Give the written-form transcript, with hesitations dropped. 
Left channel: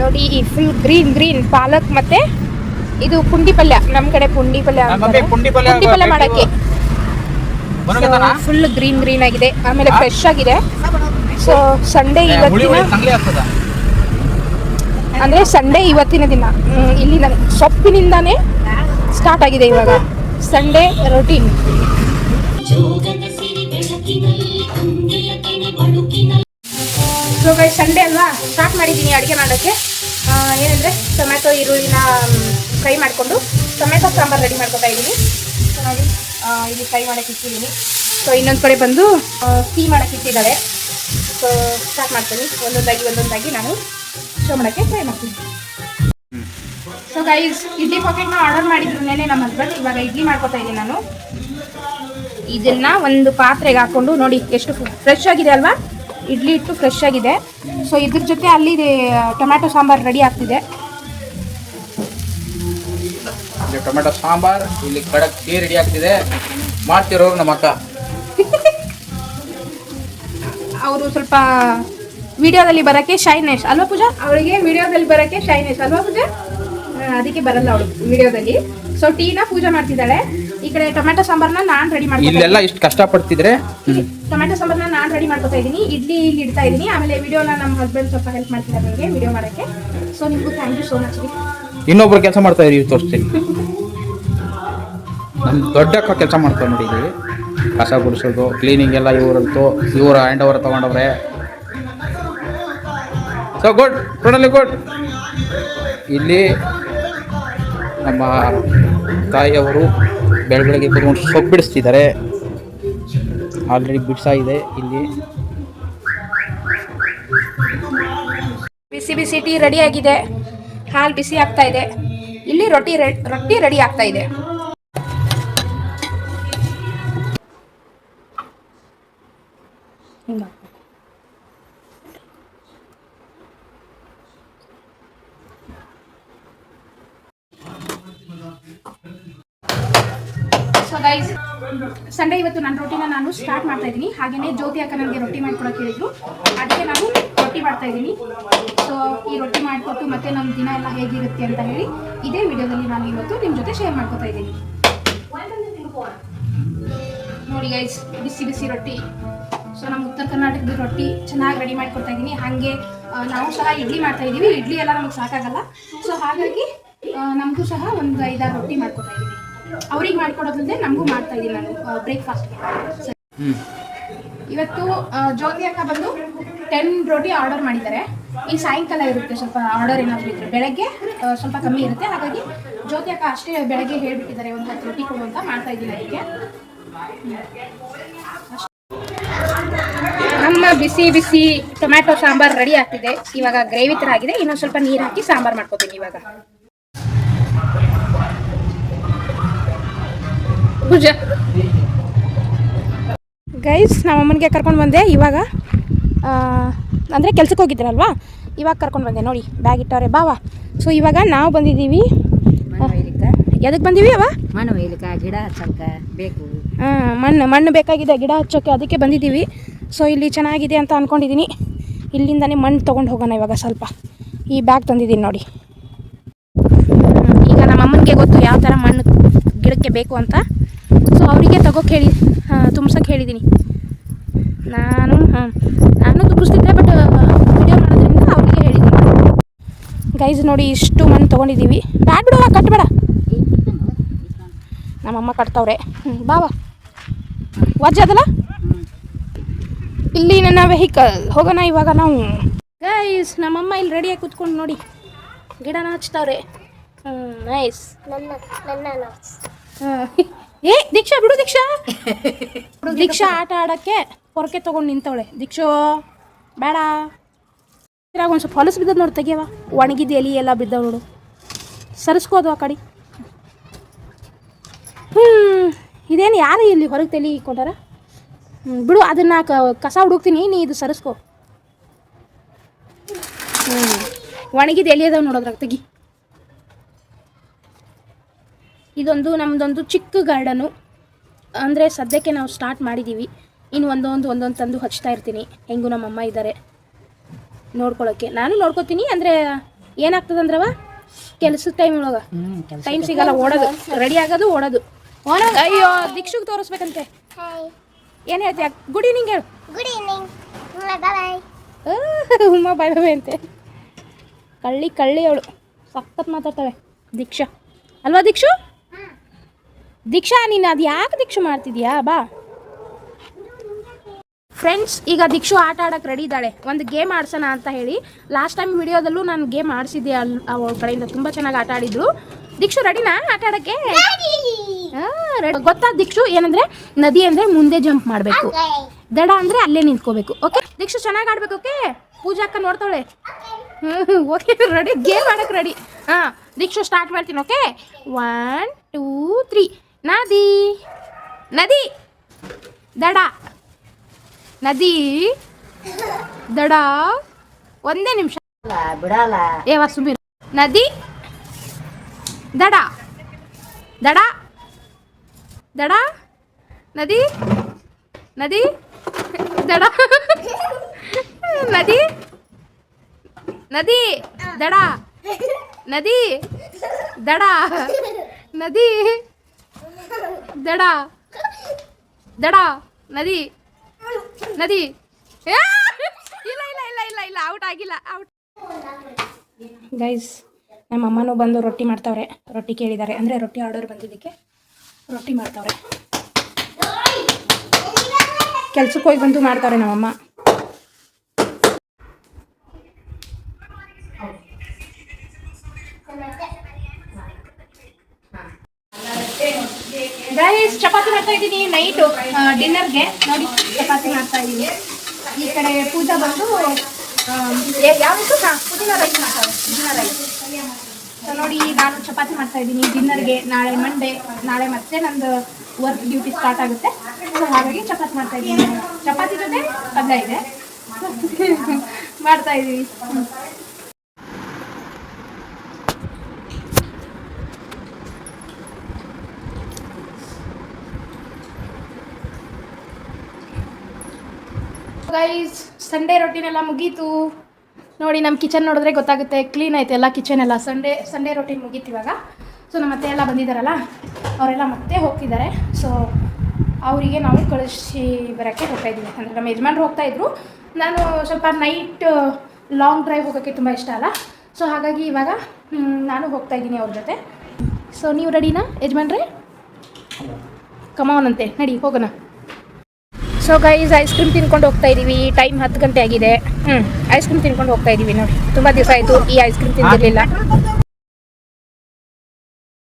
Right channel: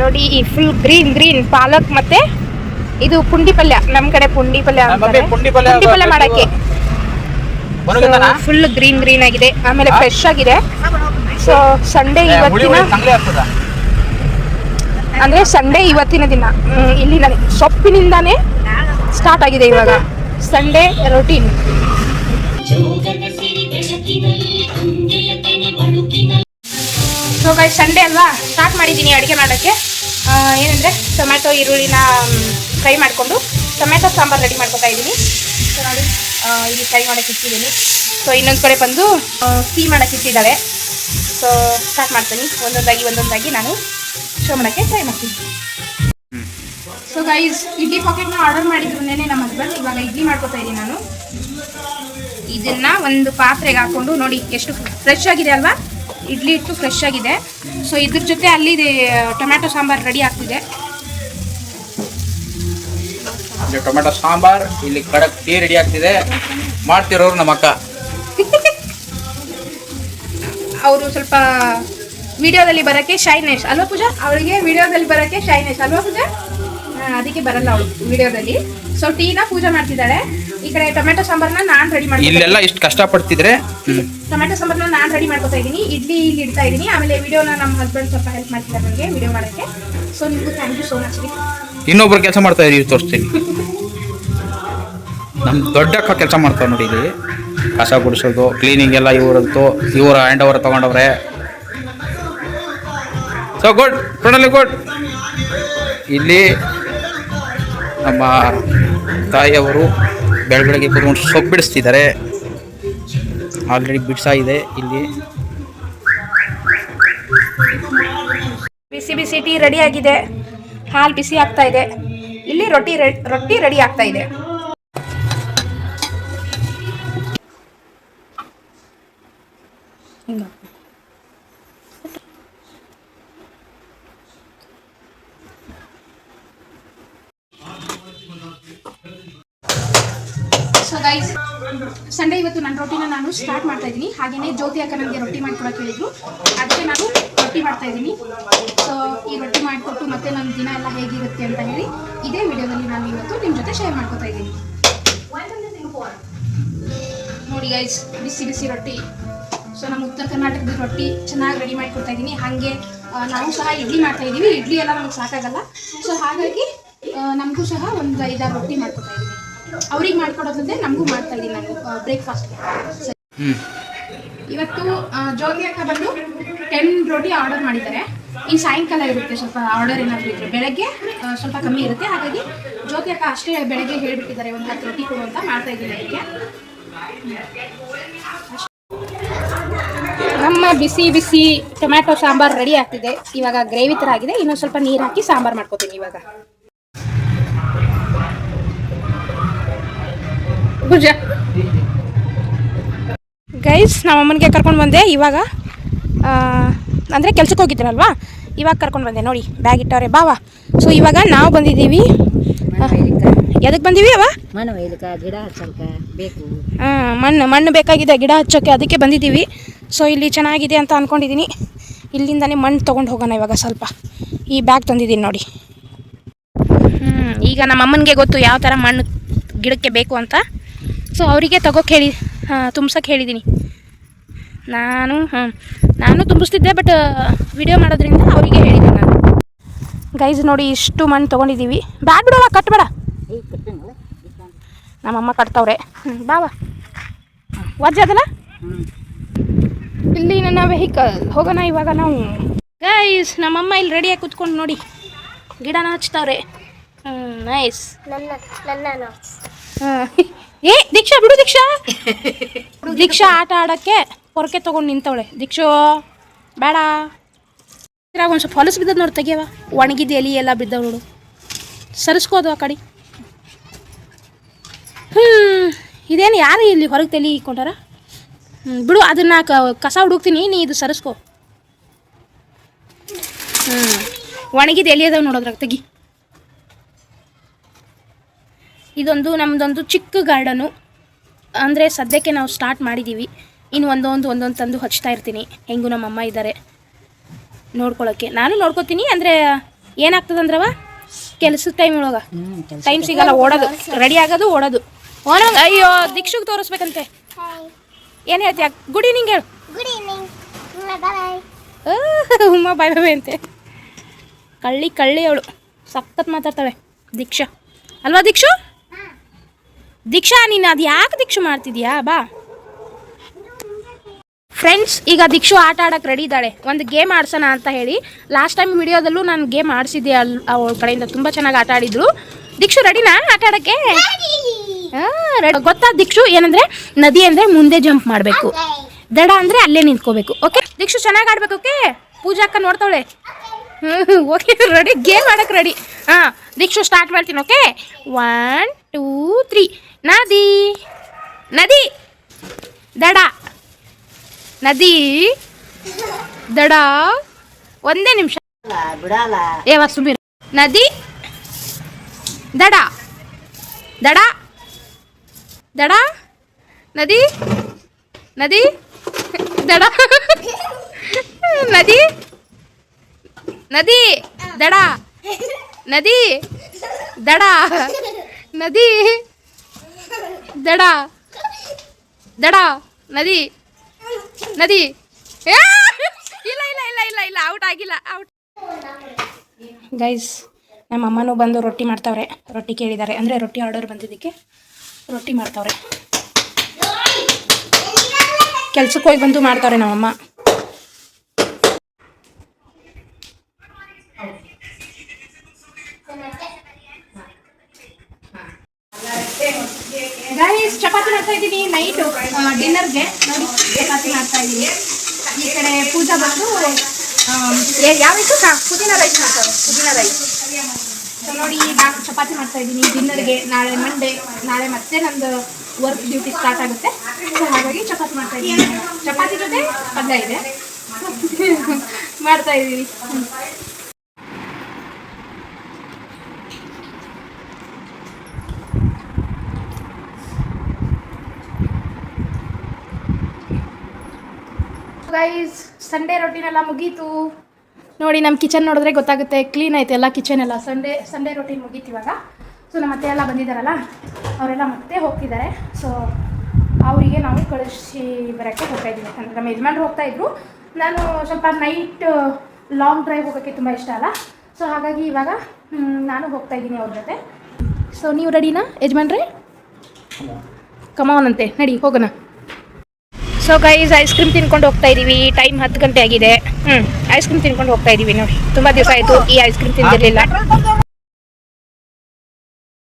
ನೋಡಿ ಈ full green ಪಾಲಕ್ ಮತ್ತೆ ಇದು ಪುಂಡಿ ಪಲ್ಯ, ನಮ್ ಕಡೆ ಪುಂಡಿ ಪಲ್ಯ ಅಂತಾರೆ. ಪುಂಡಿ ಪಲ್ಯ ಮಾಡಕ್ಕೆ ಫುಲ್ ಗ್ರೀನ್ ಆಗಿದೆ, ಆಮೇಲೆ ಫ್ರೆಶ್ ಆಗಿದೆ. ಸೊ ಸಂಡೇ ಇವತ್ತಿನ ದಿನ ಇಲ್ಲಿ ನನಗೆ ಸೊಪ್ಪಿನಿಂದಾನೇ ಸ್ಟಾರ್ಟ್ ಆಗಿದೆ ಇವಾಗ Sunday routine. So guys, Sunday ಅಲ್ವಾ, ಸ್ಟಾರ್ಟ್ ಮಾಡಿದ್ದೀನಿ ಅಡುಗೆ ಮಾಡೋಕ್ಕೆ. ಏನಂದರೆ ಟೊಮ್ಯಾಟೊ ಈರುಳ್ಳಿನ ಫ್ರೈ ಮಾಡಿಕೊಂಡು ಟೊಮ್ಯಾಟೊ ಸಾಂಬಾರು ರೆಡಿ ಮಾಡ್ಕೊತಾ ಇದ್ದೀನಿ. ಸೊ ನೋಡಿ, ಇಲ್ಲಿ ಫ್ರೈ ಮಾಡೋಕ್ಕೆ ಇಟ್ಟಿದ್ದೀನಿ. ಸೊ ಇನ್ನೊಂದು ಕಡೆ ಬಂದು ಟೀ ಮಾಡೋಕ್ಕೆ ಇಟ್ಟಿದ್ದಾಳೆ. ಸೊ ಸ್ಟಾರ್ಟ್ ಮಾಡ್ತೀನಿ ಒಂದೊಂದಾಗಿ ನಾನು ಶೋ ಮಾಡೋಕ್ಕೆ ಟ್ರೈ ಮಾಡ್ತೀನಿ. ಸೊ ಗೈಸ್, ಇಡ್ಲಿ ಪಾಕೆಟ್ನ ಆರ್ಡರ್ ಮಾಡಿದ್ರು ನೆನೆ ನಮ್ಮ ಹಸ್ಬೆಂಡ್. ಇವಾಗ ಇಡ್ಲಿ ಮಾಡ್ಕೊತಾ ಇದ್ದೀನಿ ನಾನು. ಇದನ್ನ ಒಂದು ಪಾತ್ರೆಗೆ ಹಾಕೊಂಡು ನೋಡಿ ಎಷ್ಟು ಫ್ರೆಶ್ ಆಗಿದೆ ಅಲ್ವಾ, ಇಡ್ಲಿ ಇಟ್ಟು ಫ್ರೆಶ್ ಆಗಿದೆ. ಸೊ ಇದ್ರ ಜೊತೆ ಅಲ್ಲಿ ಟೊಮ್ಯಾಟೊ ಸಾಂಬಾರು ರೆಡಿ ಆಗ್ತಿದೆ. ಟೊಮ್ಯಾಟೊ ಸಾಂಬಾರ್ ಇಲ್ಲಿ ಕಡಕ್ ಟೀ ರೆಡಿ ಆಗ್ತಿದೆ. ಮಾಡ್ತಿರೋರು ನಮ್ಮ ಅಕ್ಕ. ಅವರು ಸ್ವಲ್ಪ ವಿಡಿಯೋದಲ್ಲಿ ಬರೋಕ್ಕೆ ಶೈನೆಸ್ ಅಲ್ವಾ ಪೂಜಾ, ಅವಳಿಗೆ ವಿಡಿಯೋದಲ್ಲಿ ಬರೋಕ್ಕೆ ಶೈನೆಸ್ ಅಲ್ವಾ ಪೂಜಾ, ಅದಕ್ಕೆ ಬರಲ್ಲ ಅವಳು ವಿಡಿಯೋದಲ್ಲಿ. ಸೊ ಟೀನ ಪೂಜೆ ಮಾಡ್ತಿದ್ದಾಳೆ, ಈ ಕಡೆ ಟೊಮ್ಯಾಟೊ ಸಾಂಬಾರನ್ನ ನಾನು ರೆಡಿ ಮಾಡಿ. ಇಲ್ಲೆಲ್ಲ ಇಷ್ಟು ಕಷ್ಟಪಡ್ತಿದ್ರೆ ಟೊಮ್ಯಾಟೊ ಸಾಂಬಾರನ್ನ ನಾನು ರೆಡಿ ಮಾಡ್ಕೊತಾ ಇದ್ದೀನಿ, ಇಲ್ಲಿ ಇಡ್ತಾ ಇದ್ದೀನಿ. ಆಮೇಲೆ ವಿಡಿಯೋನ ನಮ್ಮ ಹಸ್ಬೆಂಡ್ ಸ್ವಲ್ಪ ಹೆಲ್ಪ್ ಮಾಡ್ತಿದ್ದಾರೆ ನನಗೆ ವಿಡಿಯೋ ಮಾಡೋಕ್ಕೆ. ಸೊ ನಿಮಗೂ ಥ್ಯಾಂಕ್ ಯು ಸೋ ಮಚ್. ಇನ್ನೊಬ್ರು ಕೆಲಸ ಮಾಡ್ತಾ ಇದೀವಿ, ತೋರಿಸ್ತೀನಿ. ನಮ್ಮ ದೊಡ್ಡ ಅಕ್ಕ ಕೆಲಸ ಮಾಡ್ತಾರೆ ನೋಡಿ, ಇಲ್ಲಿ ಕಸ ಗುಡಿಸೋದು ಕ್ಲೀನಿಂಗ್ ಎಲ್ಲ ಇವರದ್ದು, ಇವರ ಹ್ಯಾಂಡ್ ಓವರ್ ತಗೊಂಡವ್ರೆ. So good, totally good. ಇಲ್ಲಿ ನಮ್ಮ ತಾಯಿಯವರು ಬೆಳಗ್ಗೆ ಕೂತ್ಕೊಂಡು ಸೊಪ್ಪು ಬಿಡಿಸ್ತಿದ್ದಾರೆ. ಆಲ್ರೆಡಿ ಬಿಡಿಸಾಗಿದೆ. ಇಲ್ಲಿ ಬಿಸಿ ಟೀ ರೆಡಿ ಆಗಿದೆ, ಹಾಲು ಬಿಸಿ ಆಗ್ತಾ ಇದೆ. ಇಲ್ಲಿ ರೊಟ್ಟಿ ರೆಡಿ ಆಗ್ತಾ ಇದೆ. ಸೊ ಗೈಸ್, ಸಂಡೇ ಇವತ್ತು ನನ್ನ ರೊಟ್ಟಿನ ನಾನು ಸ್ಟಾರ್ಟ್ ಮಾಡ್ತಾ ಇದ್ದೀನಿ. ಹಾಗೆಯೇ ಜ್ಯೋತಿ ಅಕ್ಕ ನನಗೆ ರೊಟ್ಟಿ ಮಾಡಿಕೊಡೋಕೆ ಹೇಳಿದ್ರು, ಅದಕ್ಕೆ ನಾನು ರೊಟ್ಟಿ ಮಾಡ್ತಾ ಇದ್ದೀನಿ. ಸೊ ಈ ರೊಟ್ಟಿ ಮಾಡಿಕೊಟ್ಟು ಮತ್ತೆ ನಮ್ಮ ದಿನ ಎಲ್ಲ ಹೇಗಿರುತ್ತೆ ಅಂತ ಹೇಳಿ ಇದೇ ವಿಡಿಯೋದಲ್ಲಿ ನಾನು ಇವತ್ತು ನಿಮ್ಮ ಜೊತೆ ಶೇರ್ ಮಾಡ್ಕೊತಾ ಇದ್ದೀನಿ. ನೋಡಿ ಗೈಸ್, ಬಿಸಿ ರೊಟ್ಟಿ. ಸೊ ನಮ್ಮ ಉತ್ತರ ಕರ್ನಾಟಕದ ರೊಟ್ಟಿ ಚೆನ್ನಾಗಿ ರೆಡಿ ಮಾಡಿಕೊಡ್ತಾ ಇದ್ದೀನಿ. ಹಾಗೆ ನಾವು ಸಹ ಇಡ್ಲಿ ಮಾಡ್ತಾ ಇದ್ದೀವಿ. ಇಡ್ಲಿ ಎಲ್ಲ ನಮಗೆ ಸಾಕಾಗಲ್ಲ. ಸೊ ಹಾಗಾಗಿ ನಮಗೂ ಸಹ ಒಂದು 5-6 ರೊಟ್ಟಿ ಮಾಡ್ಕೊತಾ ಇದ್ದೀನಿ. ಅವ್ರಿಗೆ ಮಾಡ್ಕೊಡೋದ್ರಿಂದ ನಮಗೂ ಮಾಡ್ತಾ ಇದ್ದೀನಿ ನಾನು ಬ್ರೇಕ್ಫಾಸ್ಟ್ಗೆ. ಇವತ್ತು ಜ್ಯೋತಿ ಅಕ್ಕ ಬಂದು 10 ರೊಟ್ಟಿ ಆರ್ಡರ್ ಮಾಡಿದ್ದಾರೆ. ಇನ್ನು ಸಾಯಂಕಾಲ ಇರುತ್ತೆ ಸ್ವಲ್ಪ ಆರ್ಡರ್ ಏನಾದರೂ ಇದ್ದರೆ, ಬೆಳಗ್ಗೆ ಸ್ವಲ್ಪ ಕಮ್ಮಿ ಇರುತ್ತೆ. ಹಾಗಾಗಿ ಜ್ಯೋತಿ ಅಕ್ಕ ಅಷ್ಟೇ ಬೆಳಗ್ಗೆ ಹೇಳಿಬಿಟ್ಟಿದ್ದಾರೆ ಒಂದು 10 ರೊಟ್ಟಿ ಕೊಡು ಅಂತ. ಮಾಡ್ತಾ ಇದ್ದೀನಿ ಅದಕ್ಕೆ. ನಮ್ಮ ಬಿಸಿ ಟೊಮ್ಯಾಟೊ ಸಾಂಬಾರು ರೆಡಿ ಆಗ್ತಿದೆ. ಇವಾಗ ಗ್ರೇವಿ ಥರ ಆಗಿದೆ. ಇನ್ನೊಂದು ಸ್ವಲ್ಪ ನೀರು ಹಾಕಿ ಸಾಂಬಾರು ಮಾಡ್ಕೊತೀನಿ ಇವಾಗ. ಗೈಸ್, ನಮ್ಮ ಅಮ್ಮನಿಗೆ ಕರ್ಕೊಂಡು ಬಂದೆ ಇವಾಗ. ಅಂದರೆ ಕೆಲ್ಸಕ್ಕೆ ಹೋಗಿದ್ರಲ್ವಾ, ಇವಾಗ ಕರ್ಕೊಂಡು ಬಂದೆ. ನೋಡಿ ಬ್ಯಾಗ್ ಇಟ್ಟವ್ರೆ, ಬಾವಾ. ಸೊ ಇವಾಗ ನಾವು ಬಂದಿದ್ದೀವಿ. ಎದಕ್ಕೆ ಬಂದೀವಿ ಅವ? ಗಿಡ ಹಚ್ಚಕ್ಕೆ ಬೇಕು. ಮಣ್ಣು ಬೇಕಾಗಿದೆ ಗಿಡ ಹಚ್ಚೋಕ್ಕೆ, ಅದಕ್ಕೆ ಬಂದಿದ್ದೀವಿ. ಸೊ ಇಲ್ಲಿ ಚೆನ್ನಾಗಿದೆ ಅಂತ ಅಂದ್ಕೊಂಡಿದ್ದೀನಿ. ಇಲ್ಲಿಂದನೇ ಮಣ್ಣು ತೊಗೊಂಡು ಹೋಗೋಣ ಇವಾಗ. ಸ್ವಲ್ಪ ಈ ಬ್ಯಾಗ್ ತಂದಿದ್ದೀನಿ ನೋಡಿ. ಈಗ ನಮ್ಮ ಅಮ್ಮನಿಗೆ ಗೊತ್ತು ಯಾವ ಥರ ಮಣ್ಣು ಗಿಡಕ್ಕೆ ಬೇಕು ಅಂತ. ಸೊ ಅವರಿಗೆ ತಗೋಕ್ಕೆ ಹೇಳಿ, ತುಂಬ್ಸೋಕ್ಕೆ ಹೇಳಿದ್ದೀನಿ. ನಾನು ತುಂಬಿಸ್ತಿದ್ದೆ, ಬಟ್ ವಿಡಿಯೋ ಮಾಡೋದ್ರಿಂದ ಅವರಿಗೆ ಹೇಳಿದ್ದೀನಿ. ಗೈಸ್ ನೋಡಿ, ಇಷ್ಟು ಮಣ್ಣು ತೊಗೊಂಡಿದ್ದೀವಿ. ಬ್ಯಾಡ್ ಬಿಡೋವ, ಕಟ್ಬೇಡ. ನಮ್ಮಮ್ಮ ಕಟ್ತವ್ರೆ. ಬಾವ ವಜ್ಜ ಅದಲ್ಲ. ಇಲ್ಲಿ ನನ್ನ ವೆಹಿಕಲ್, ಹೋಗೋಣ ಇವಾಗ ನಾವು. ಗೈಸ್, ನಮ್ಮಮ್ಮ ಇಲ್ಲಿ ರೆಡಿಯಾಗಿ ಕೂತ್ಕೊಂಡು ನೋಡಿ ಗಿಡನ ಹಚ್ತವ್ರೆ. ನೈಸ್. ಏ ದೀಕ್ಷಾ ಬಿಡು, ದೀಕ್ಷಾ ಆಟ ಆಡೋಕ್ಕೆ ಪೊರಕೆ ತೊಗೊಂಡು ನಿಂತವಳೆ. ದೀಕ್ಷೋ ಬೇಡ. ಇದ್ರಾಗ ಒಂದು ಸ್ವಲ್ಪ ಹೊಲಸು ಬಿದ್ದದ ನೋಡಿ, ತೆಗಿಯವ. ಒಣಗಿದ ಎಲೆ ಎಲ್ಲ ಬಿದ್ದವು ನೋಡು, ಸರಿಸ್ಕೋದು ಆ ಕಡೆ. ಇದೇನು ಯಾರು ಇಲ್ಲಿ ಹೊರಗೆ ತಲೆ ಇಕ್ಕೊಂಡಾರ? ಬಿಡು, ಅದನ್ನು ಕಸ ಹುಡುಕ್ತೀನಿ, ನೀ ಇದು ಸರಿಸ್ಕೋ. ಒಣಗಿದ ಎಲೆ ಅದಾವೆ ನೋಡೋದ್ರಾಗ, ತೆಗಿ. ಇದೊಂದು ನಮ್ಮದೊಂದು ಚಿಕ್ಕ ಗಾರ್ಡನು. ಅಂದರೆ ಸದ್ಯಕ್ಕೆ ನಾವು ಸ್ಟಾರ್ಟ್ ಮಾಡಿದ್ದೀವಿ. ಇನ್ನು ಒಂದೊಂದು ತಂದು ಹಚ್ತಾ ಇರ್ತೀನಿ. ಹೆಂಗೂ ನಮ್ಮಮ್ಮ ಇದ್ದಾರೆ ನೋಡ್ಕೊಳ್ಳೋಕ್ಕೆ. ನಾನು ನೋಡ್ಕೋತೀನಿ. ಅಂದರೆ ಏನಾಗ್ತದಂದ್ರವ ಕೆಲಸದ ಟೈಮ್ ಒಳಗೆ ಟೈಮ್ ಸಿಗಲ್ಲ, ಓಡೋದು, ರೆಡಿ ಆಗೋದು, ಓಡೋದು. ಅಯ್ಯೋ ದೀಕ್ಷುಗೆ ತೋರಿಸ್ಬೇಕಂತೆ. ಏನು ಹೇಳ್ತೀಯ? ಗುಡ್ ಈವ್ನಿಂಗ್ ಹೇಳು. ಗುಡ್ ಈವ್ನಿಂಗ್, ಬಾಯ್. ಉಮ್ಮ ಬಾಯ್ ಬಾಯ್ ಅಂತೆ. ಕಳ್ಳಿ ಅವಳು ಸಖತ್ ಮಾತಾಡ್ತಾಳೆ ದೀಕ್ಷಾ. ಅಲ್ವಾ ದೀಕ್ಷು? ದೀಕ್ಷಾ ನೀನು ಅದು ಯಾಕೆ ದೀಕ್ಷು ಮಾಡ್ತಿದ್ಯಾ? ಬಾ ಫ್ರೆಂಡ್ಸ್, ಈಗ ದೀಕ್ಷು ಆಟ ಆಡೋಕ್ಕೆ ರೆಡಿ ಇದ್ದಾಳೆ. ಒಂದು ಗೇಮ್ ಆಡ್ಸೋಣ ಅಂತ ಹೇಳಿ ಲಾಸ್ಟ್ ಟೈಮ್ ವಿಡಿಯೋದಲ್ಲೂ ನಾನು ಗೇಮ್ ಆಡಿಸಿದ್ದೆ. ಅವಳ ಕಡೆಯಿಂದ ತುಂಬ ಚೆನ್ನಾಗಿ ಆಟ ಆಡಿದ್ರು. ದೀಕ್ಷು ರೆಡಿನಾ ಆಟ ಆಡೋಕ್ಕೆ? ಗೊತ್ತಾ ದೀಕ್ಷು? ಏನಂದರೆ ನದಿ ಅಂದರೆ ಮುಂದೆ ಜಂಪ್ ಮಾಡಬೇಕು, ದಡ ಅಂದರೆ ಅಲ್ಲೇ ನಿಂತ್ಕೋಬೇಕು. ಓಕೆ ದೀಕ್ಷು ಚೆನ್ನಾಗಿ ಆಡ್ಬೇಕು. ಓಕೆ ಪೂಜಾ ಅಕ್ಕ ನೋಡ್ತಾಳೆ. ಓಕೆ ರೆಡಿ, ಗೇಮ್ ಆಡೋಕ್ಕೆ ರೆಡಿ. ಹಾಂ ದೀಕ್ಷು ಸ್ಟಾರ್ಟ್ ಮಾಡ್ತೀನಿ. ಓಕೆ 1 2 3. ನದಿ ನದಿ ದಡ, ನದಿ ದಡ. ಒಂದೇ ನಿಮಿಷ ಬಿಡಲ್ಲ. ಸುಮ್ಮನೆ. ನದಿ ದಡ, ದಡ ದಡ, ನದಿ ನದಿ ದಡ, ನದಿ ನದಿ ದಡ, ನದಿ ದಡ, ನದಿ ದಡ, ದಡ ನದಿ ನದಿ. ಇಲ್ಲ ಇಲ್ಲ ಇಲ್ಲ ಇಲ್ಲ ಇಲ್ಲ ಔಟ್ ಆಗಿಲ್ಲ, ಔಟ್. ಗೈಸ್, ನಮ್ಮ ಅಮ್ಮನೂ ಬಂದು ರೊಟ್ಟಿ ಮಾಡ್ತಾವ್ರೆ. ರೊಟ್ಟಿ ಕೇಳಿದ್ದಾರೆ, ಅಂದರೆ ರೊಟ್ಟಿ ಆರ್ಡರ್ ಬಂದಿದ್ದಕ್ಕೆ ರೊಟ್ಟಿ ಮಾಡ್ತಾವ್ರೆ. ಕೆಲ್ಸಕ್ಕೆ ಹೋಗಿ ಬಂದು ಮಾಡ್ತಾವ್ರೆ ನಮ್ಮಮ್ಮ. ಗೈಸ್, ಚಪಾತಿ ಮಾಡ್ತಾ ಇದ್ದೀನಿ ನೈಟು ಡಿನ್ನರ್ಗೆ. ನೋಡಿ ಚಪಾತಿ ಮಾಡ್ತಾ ಇದ್ದೀನಿ. ಈ ಕಡೆ ಪೂಜಾ ಬಂದು ಯಾವತ್ತು ಪುದೀನ ರೈಸ್ ಮಾಡ್ತಾರೆ, ಪುದೀನ ರೈಸ್. ಸೊ ನೋಡಿ, ನಾನು ಚಪಾತಿ ಮಾಡ್ತಾ ಇದ್ದೀನಿ ಡಿನ್ನರ್ಗೆ. ನಾಳೆ ಮಂಡೇ, ನಾಳೆ ಮತ್ತೆ ನಂದು ವರ್ಕ್ ಡ್ಯೂಟಿ ಸ್ಟಾರ್ಟ್ ಆಗುತ್ತೆ. ಸೊ ಹಾಗಾಗಿ ಚಪಾತಿ ಮಾಡ್ತಾ ಇದ್ದೀನಿ. ಚಪಾತಿ ಜೊತೆ ಪಲ್ಯ ಇದೆ ಮಾಡ್ತಾ ಇದ್ದೀನಿ. ಗೈಸ್, ಸಂಡೇ ರೊಟೀನೆಲ್ಲ ಮುಗೀತು. ನೋಡಿ ನಮ್ಮ ಕಿಚನ್ ನೋಡಿದ್ರೆ ಗೊತ್ತಾಗುತ್ತೆ, ಕ್ಲೀನ್ ಐತೆ ಎಲ್ಲ ಕಿಚನ್ ಎಲ್ಲ. ಸಂಡೇ ರೊಟೀನ್ ಮುಗೀತು ಇವಾಗ. ಸೊ ನಮ್ಮ ಅತ್ತೆ ಎಲ್ಲ ಬಂದಿದ್ದಾರಲ್ಲ, ಅವರೆಲ್ಲ ಮತ್ತೆ ಹೋಗ್ತಿದ್ದಾರೆ. ಸೊ ಅವರಿಗೆ ನಾವು ಕಳಿಸಿ ಬರೋಕ್ಕೆ ಹೋಗ್ತಾಯಿದ್ದೀವಿ. ಅಂದರೆ ನಮ್ಮ ಯಜಮಾನ್ರು ಹೋಗ್ತಾಯಿದ್ರು. ನಾನು ಸ್ವಲ್ಪ ನೈಟ್ ಲಾಂಗ್ ಡ್ರೈವ್ ಹೋಗೋಕ್ಕೆ ತುಂಬ ಇಷ್ಟ ಅಲ್ಲ. ಸೊ ಹಾಗಾಗಿ ಇವಾಗ ನಾನು ಹೋಗ್ತಾಯಿದ್ದೀನಿ ಅವ್ರ ಜೊತೆ. ಸೊ ನೀವು ರೆಡಿನಾ ಯಜಮಾನ್ರೆ? ಕಮಾನ್ ಅಂತೆ, ನಡಿ ಹೋಗೋಣ. ಸೊ ಗೈಸ್, ಐಸ್ ಕ್ರೀಮ್ ತಿನ್ಕೊಂಡು ಹೋಗ್ತಾ ಇದ್ದೀವಿ. ಟೈಮ್ 10 ಗಂಟೆ ಆಗಿದೆ. ಐಸ್ ಕ್ರೀಮ್ ತಿನ್ಕೊಂಡು ಹೋಗ್ತಾ ಇದ್ದೀವಿ. ನೋಡಿ, ತುಂಬ ದಿವಸ ಆಯಿತು ಈ ಐಸ್ ಕ್ರೀಮ್ ತಿಂದಿರಲಿಲ್ಲ.